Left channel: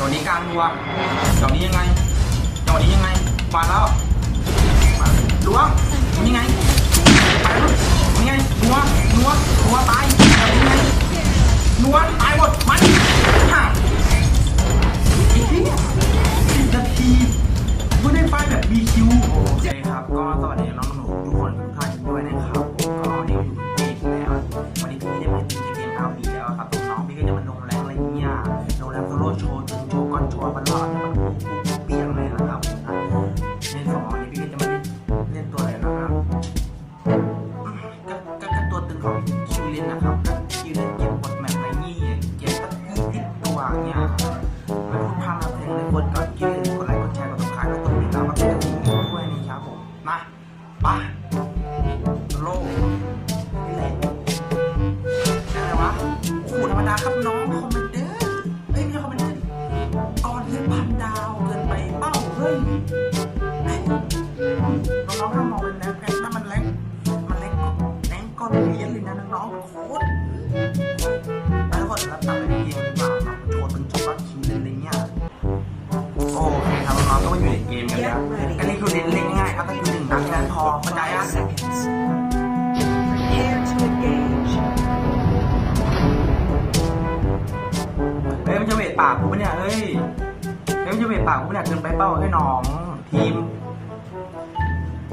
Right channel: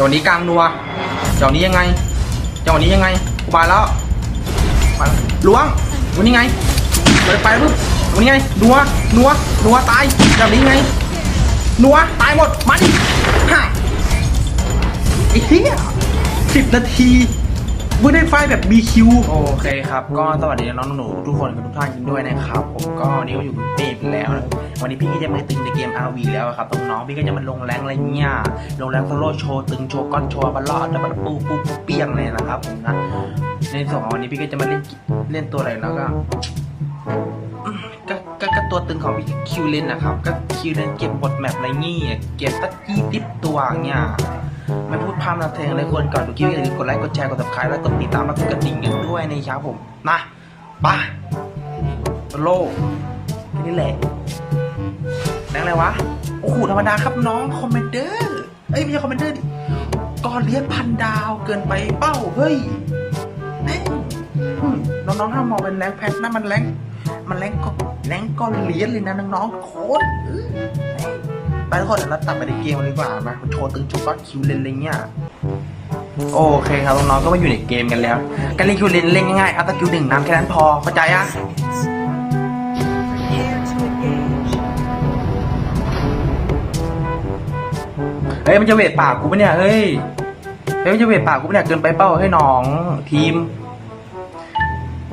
จังหวะนี้กลางนัวจังหวะนี้ยังไงจังหวะนี้ยังไงกูมาแล้วล้วงวันนี้ไงไปลูกวันนี้ไงนัวนัวนัวตายจังหวะนี้ไงนัวตายหมดมันง่าไอ้เหี้ยสิบนาที ไม่ได้ไฟแบบ BQ โอเคครับ ก็สวัสดีน้องหนูทุกคนทุกท่านด้วยนะครับผมก็วันนี้อยู่ตีมแล้ว วันนี้พี่ก็จะมาตึงในเกม RV แล้วครับน้องพี่ก็จะมาลงแรงอะไรเงี้ยลงแรงโซโล่โชว์ตึงโชว์ก้อนโชว์บอลลอดแล้วมันปูปูปูเปียงเลยนะครับนะในสองวันนี้พี่ก็จะมาเล่นเล่นตัวอะไรนะครับก็ก็ตัวตึงของพี่คิวเลนนะครับก็คิวเลนเก็บบทแมปอะไรเงี้ยเก็บสักยี่สิบตัวเงี้ย ไม่พูดพร่ำทำเพลงเลยคนกับคลิปอย่าลืมกดไลค์กดแชร์กดติดตามและกดติดตามมากดกระดิ่งกันด้วยนะครับผมนะป่ะโลกนี่แหละแรงอะไรวะโอ้โหธรรมดาครับน้องคอมเมนเดอร์เอ้ยไม่ใช่คอมเมนเดอร์ดิก่อนเลี้ยงพันดาวเกินไปเป้าเฮ้ยแม่งน้องๆถ้ามองเป็นแรงแพทนะมันแรงมันแรงก็แรงก็เลี้ยนเลยนะน้องๆโคตร ไปทุกคนเราตัดไปในเกมเลยดีกว่ามาโชว์ตึงโชว์ก้อนคิวเลนอะไรเงี้ยโอเคครับน้องๆก็มาอยู่ในเกมกันแล้วการเล่นคิวเลนเล่นง่ายๆเอาตะคิวหนึ่งน้ำแค่นั้นพอเข้าใจอะเฮ้ยมันจะเวทปากกูปะเนี่ยเฮ้ยเฮ้ยมันจะเวทปากกูปะเนี่ยเกินไปเป้าให้น้องทีม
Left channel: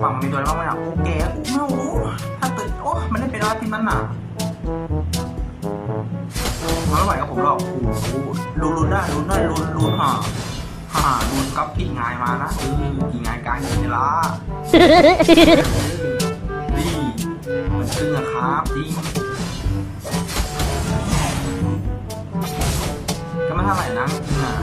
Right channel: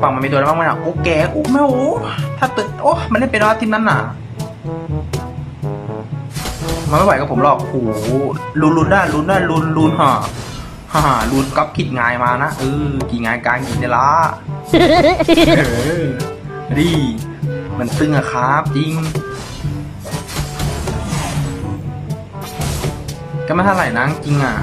ฝั่งมันมีตัวอะไรบ้างไหมอะโอ้แกโอ้ไม่โอ้ถ้าตึกโอ้มันได้เป็นแล้วทีมนั้นน่ะ ไม่ไหวกับผมหรอกโอ้โหลุนลุนได้ลุนได้ลุนลุนฮ่าฮ่าลุนก๊อปกิดงายมานะเออกี่งายกายกินเนี่ยละเออดีมันตึงอะครับจริงก็ไม่เท่าไหร่นะจริงอะ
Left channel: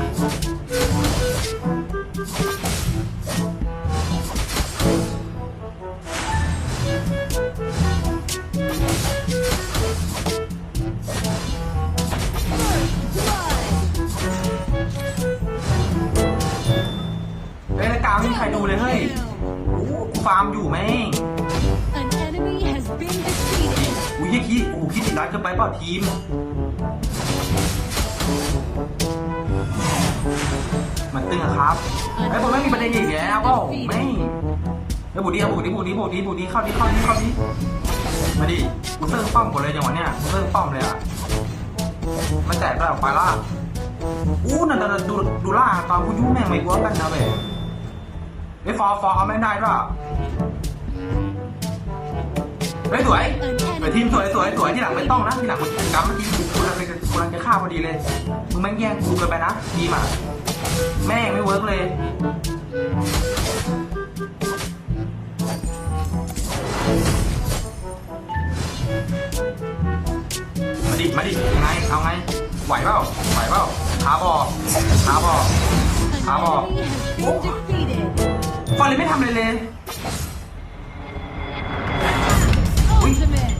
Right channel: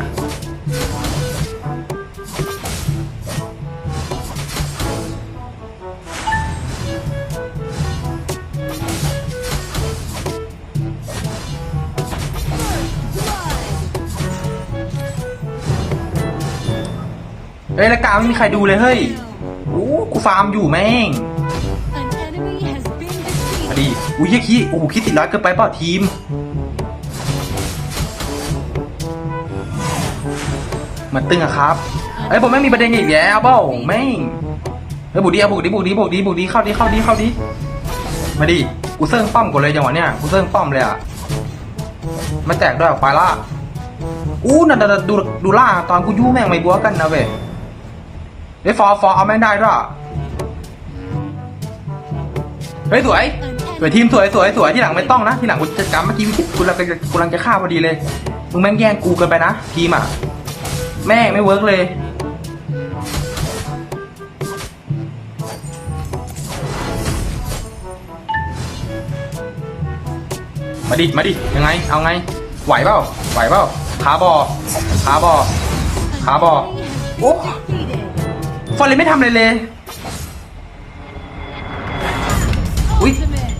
ม่มีใครดูเลยเฮ้ยโอ้กูฟาร์มอยู่แม่ง An enemy has been มา defeated. ดิอุ้ยเหี้ยขี้โอ้โหคิดติดร้อยเกินไปเปล่าทีม มันตึงอะครับเอ้ยผมไม่มีประเด็นอีกแล้วเปล่าแม่งเฮ้ยบุกดีอะบุกดีบุกดีบุกดีบุกดีเข้าดีเข้าดีเข้าดีมาดิกูเซิร์ฟป้อมก่อนเลยจังหวะเนี้ยกูเซิร์ฟป้อมเลยอะไม่แตกด้วยไฟล่าอู้นั่นน่ะดูดูล่าตอนกูยุ่งแม่งไม่กลัวกันนะเว้ย เฮ้ยฟอร์ฟอร์เอาแม่งได้ด้วยเฮ้ยสวยสวยทีมสวยสวยสวยที่หลังไม่ต้องนะที่หลังกูจัดการเมื่อกี้กูกำลังจะกำลังจะฆ่าพอดีเลยมึงแม่งแย่งกูเกินไปนะทีมอะแม่งไม่เวิร์กเลยมาดิมาดิยังไงเอาไงไหวเปล่าไหวเปล่าขาบอขาบอก An How about- enemy has Oh. been defeated. ฟอนเลยไม่ทำเลยเลย Ui. Ultimate.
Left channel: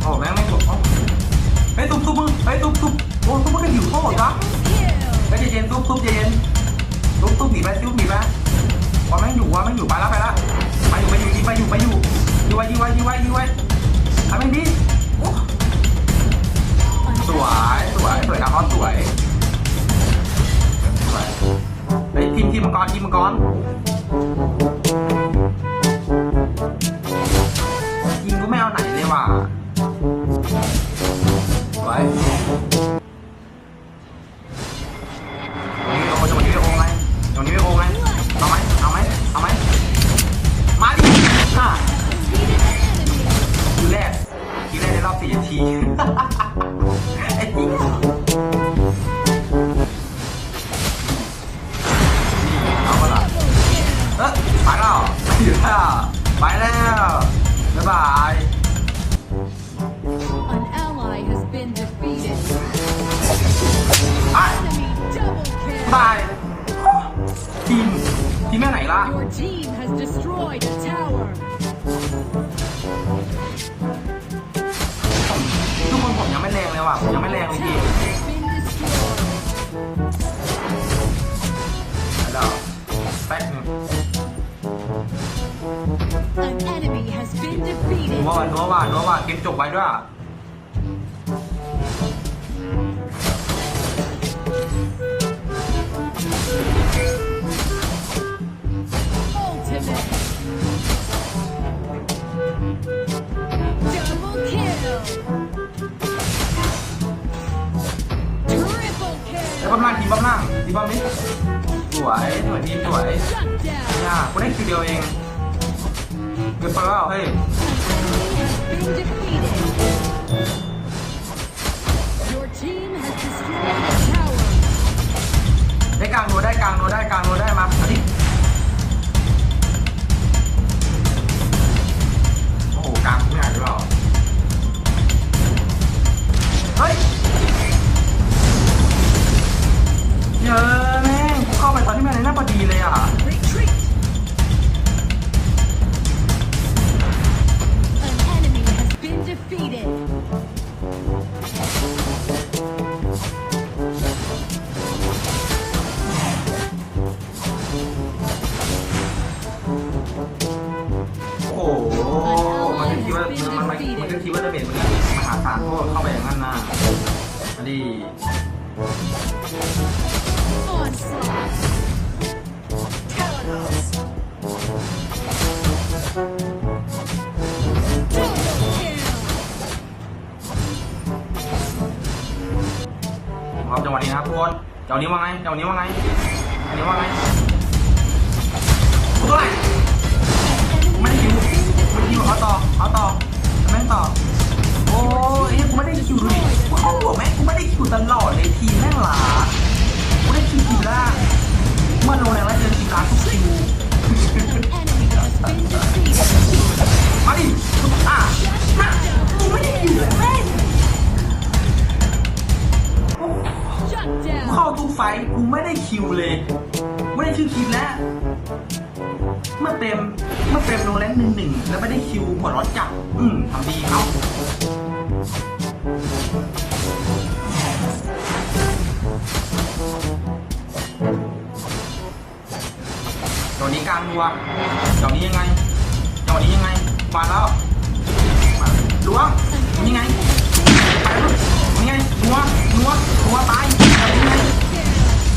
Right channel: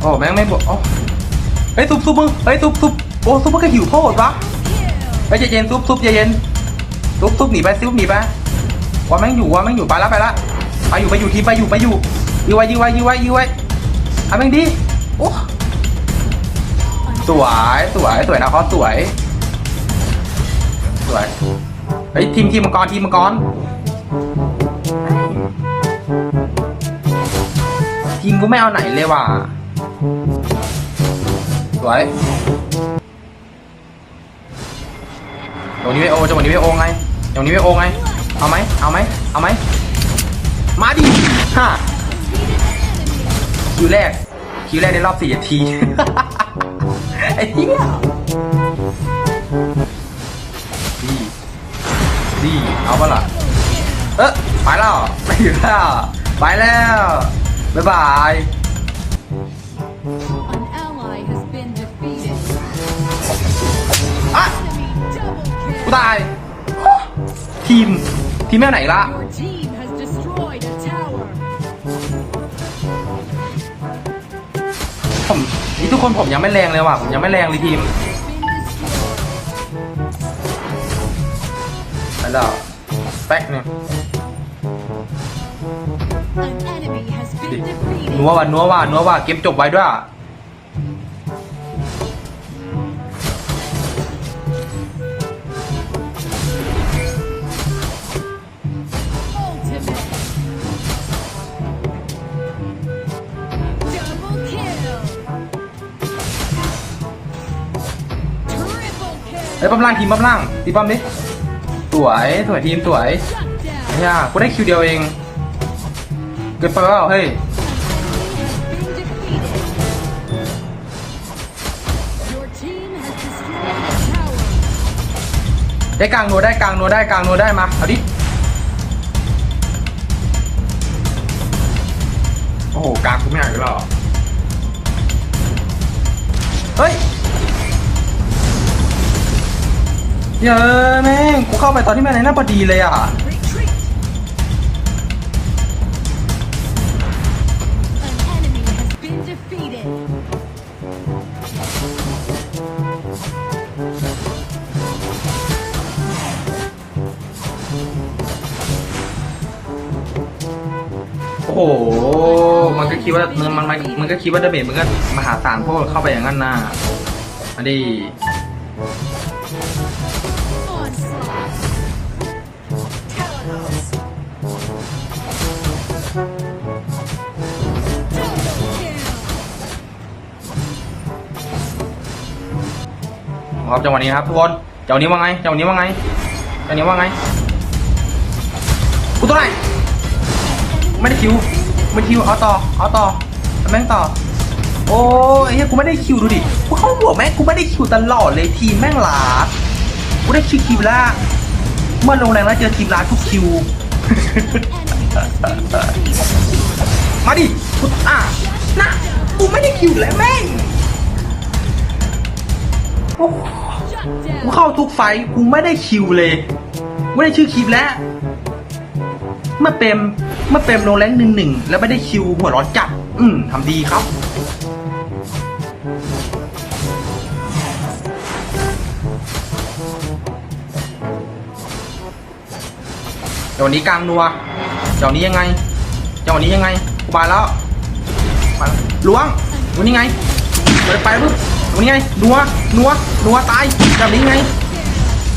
โอ้แม่งไม่บวกเอ้าเฮ้ยทุบทุบมึงเฮ้ยทุบทุบโอ้ทุบมันก็หิวโทษวะ Kill. เฮ้ยใจเย็นทุบทุบใจเย็นทุบทุบหนีไปทุบหนีไปว่าแม่งอยู่ว่าแม่งอยู่ไปแล้วไปแล้วไปอยู่ไปอยู่ทีไปอยู่ไปอยู่ยื้อไว้ยื้อไว้ยื้อไว้ยื้อไว้เอาแม่งดีโอ้สวยสวยสวยนะเขาสวยสวย ฮ้ยทีมทีมมังกรทีมมังกรทีมกูไม่เอาไหนเลยว่ะสวยตรงนี้ไม่โอจังหวะนี้ไม่โอไงตรงนี้ไม่โอไง เอาไหมเอาไหมเอาไหมมาดิฮะ Defeated an enemy. คิวแรกคิวแรกในรอบสี่นาทีไอ้เทีมแม่ไหนล่ะ Your team has destroyed a tower. ผมทุกคนผมยังไม่แรงเลยว่ะผมยังไม่แรงเลยทีม Has been destroyed. แล้วดาวแป๊กเนี่ย An enemy has been นัว defeated. ว่ะนัวว่ะนัวว่ะเกมจบไว้ด้วย ไอ้ยปั๊มล่างทีมปั๊มล่างทีมปั๊มนี้สวยสวยทีมสวยยากูได้คิวเดียวเองเกินไปแล้วเฮ้ยได้กลางโนได้กลางโนได้กลางโนได้มาเอาดิโอ้โหกลางกูไม่หนักเลยหรอเฮ้ย เยอะแม่งกูเข้าไปตอนที่แม่ในหน้าพอดีเลยอะโอ้โหมันก็คิดว่ามันมันมันก็คิดว่าดาเมจมันก็มหาศาลเพราะเข้าไปอย่างนั้นนะอันนี้ ครับจังหวะนี้ครับทุกคนจังหวะนี้ว่าไงจังหวะนี้ว่าไงจังหวะนี้ว่าไงกูตัวไหนไม่ได้คิวไม่คิวเอาต่อเอาต่อแม่งต่อโอ้ยเฮ้ยกูไม่ได้คิวดูดิกูเข้าหัวแม่งกูไม่ได้คิวตลอดเลยทีมแม่งหลากูได้คิวคิวล่าเมื่อลงแรงแล้วเจอทีมร้านกูคิว มาดิอะนะกูไม่ได้คิวเลยแม่งกูเข้าทุกไฟกูไม่ได้คิวเลย ไม่ได้ชื่อคลิปแล้วเมื่อเต็มเมื่อเต็มโนแรงหนึ่งหนึ่งแล้วไม่ได้คิวหัวร้อนจัดอืมทำดีครับ เดี๋ยววันนี้กลางนัวเดี๋ยววันนี้ยังไงเดี๋ยววันนี้ยังไงกูบายแล้วล้วงวันนี้ไงเดินไปลูกวันนี้ไงนัวนัวนัวตายเดี๋ยวนี้ไง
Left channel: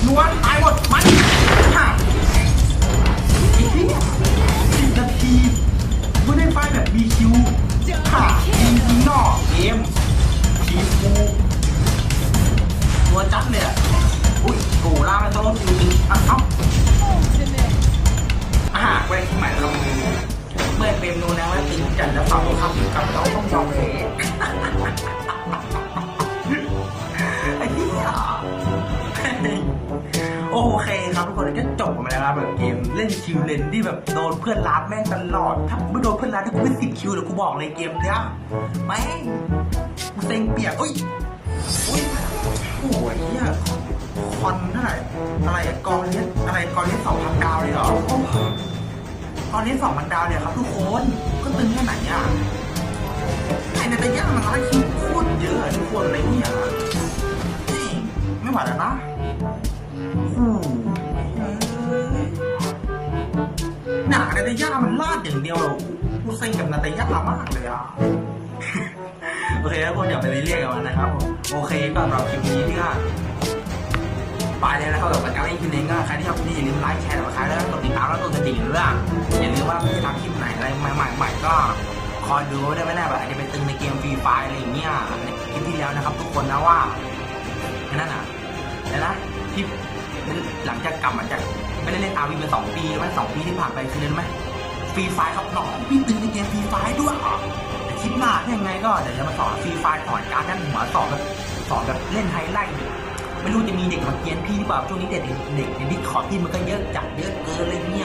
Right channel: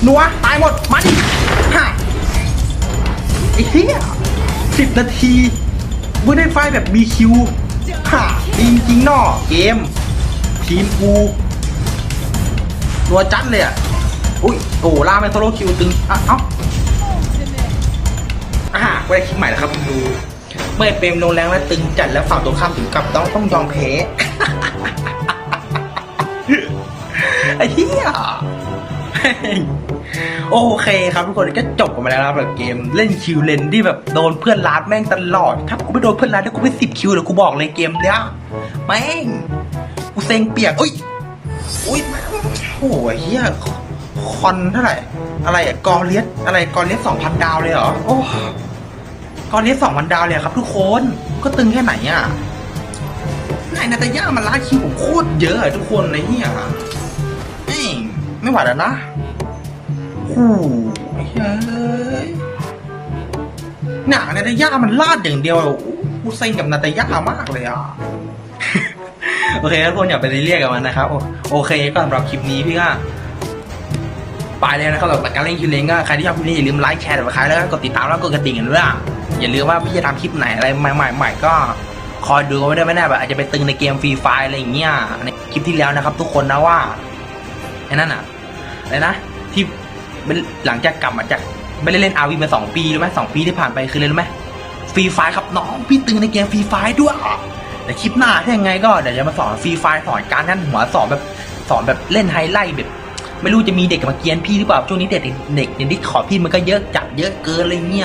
นัวตายหมดมาดิไอ้เหี้ยสิบนาทีไม่ได้ไฟแบบมีคิวจริงจริงนอกเกมทีมกูตัวจัดเลยอะอุ้ยโอ้โหล่าเป็นโซโล่คิวตึงอ้าเอ้า Ultimate. อ่าก็ได้คลิปใหม่ครับคุณดูเมื่อเป็นโรงแรงและตึงจัดแล้วฝั่งตรงข้ามถึงกับต้องต้องยอมแพ้ไอ้เหี้ยโอเคครับทุกคนก็จบกันไปแล้วนะแบบเกมเล่นคิวเลนที่แบบโดนเพื่อนลาดแม่งตลอด ถ้ากูไม่โดนเพื่อนลาดถ้ากูไม่สิบคิวเลยกูบอกเลยเกมเนี้ยแม่งกูเซ็งเปียกอุ้ยอุ้ยโอ้โหไอ้เหี้ย คอนเท่าไหร่ อะไรอะกอเลียสอะไรกอเลียสสองพันดาวเลยเหรอ โอ้กอเลียสสองพันดาวเลยครับทุกคน ก็ตึงแค่ไหนอะไอ้นาตาย่ามันลาคิวโคตรเยอะอะทุกคนเลยเนี่ยแม่ไม่ไหวแล้วนะหูเฮ้ยหนานาตาย่ามันลาดอย่างเดียวอู้หกูเซ็งกับนาตาย่ามากเลยอะโอเคทุกคนอย่าไปเรียกกับมันนะครับ โอเคก็สำหรับคลิปนี้พี่ก็ ไปเลยนะครับสำหรับการเล่นคิวเลนก็ใครที่ชอบคลิปนี้อย่าลืมไลค์แชร์กับใครแล้วก็กดติดตามแล้วก็กดกระดิ่งกันด้วยอะอย่าลืมว่าพี่จะทำคลิปไหนอะไรใหม่ๆก็คอยดูไว้ด้ไม่แน่แบบอาจจะไปตึงในเกมฟรีไฟอะไรอย่างเงี้ยในคลิปที่แล้วนะครับ ทุกคนนะว่าไอ้นั่นอะอะไรนะที่หลังจากกลับมาจากไม่ได้เล่นอาวีมาสองปีรู้ไหมสองปีที่ผ่านไปคือเล่นไหมฟรีไฟครับน้องพี่ตึงในเกมฟรีไฟด้วยแต่คลิปหน้าถ้ายังไงก็เดี๋ยวจะมาสอนฟรีไฟสอนการท่านหัวสอนแบบสอนแบบเล่นไฮไลท์แบบ ไม่รู้จะมีเด็กมาเกียนพี่หรือเปล่าช่วงนี้เด็กเด็กในดิสของพี่มันก็เยอะจัดเยอะเกินเลยเนี่ย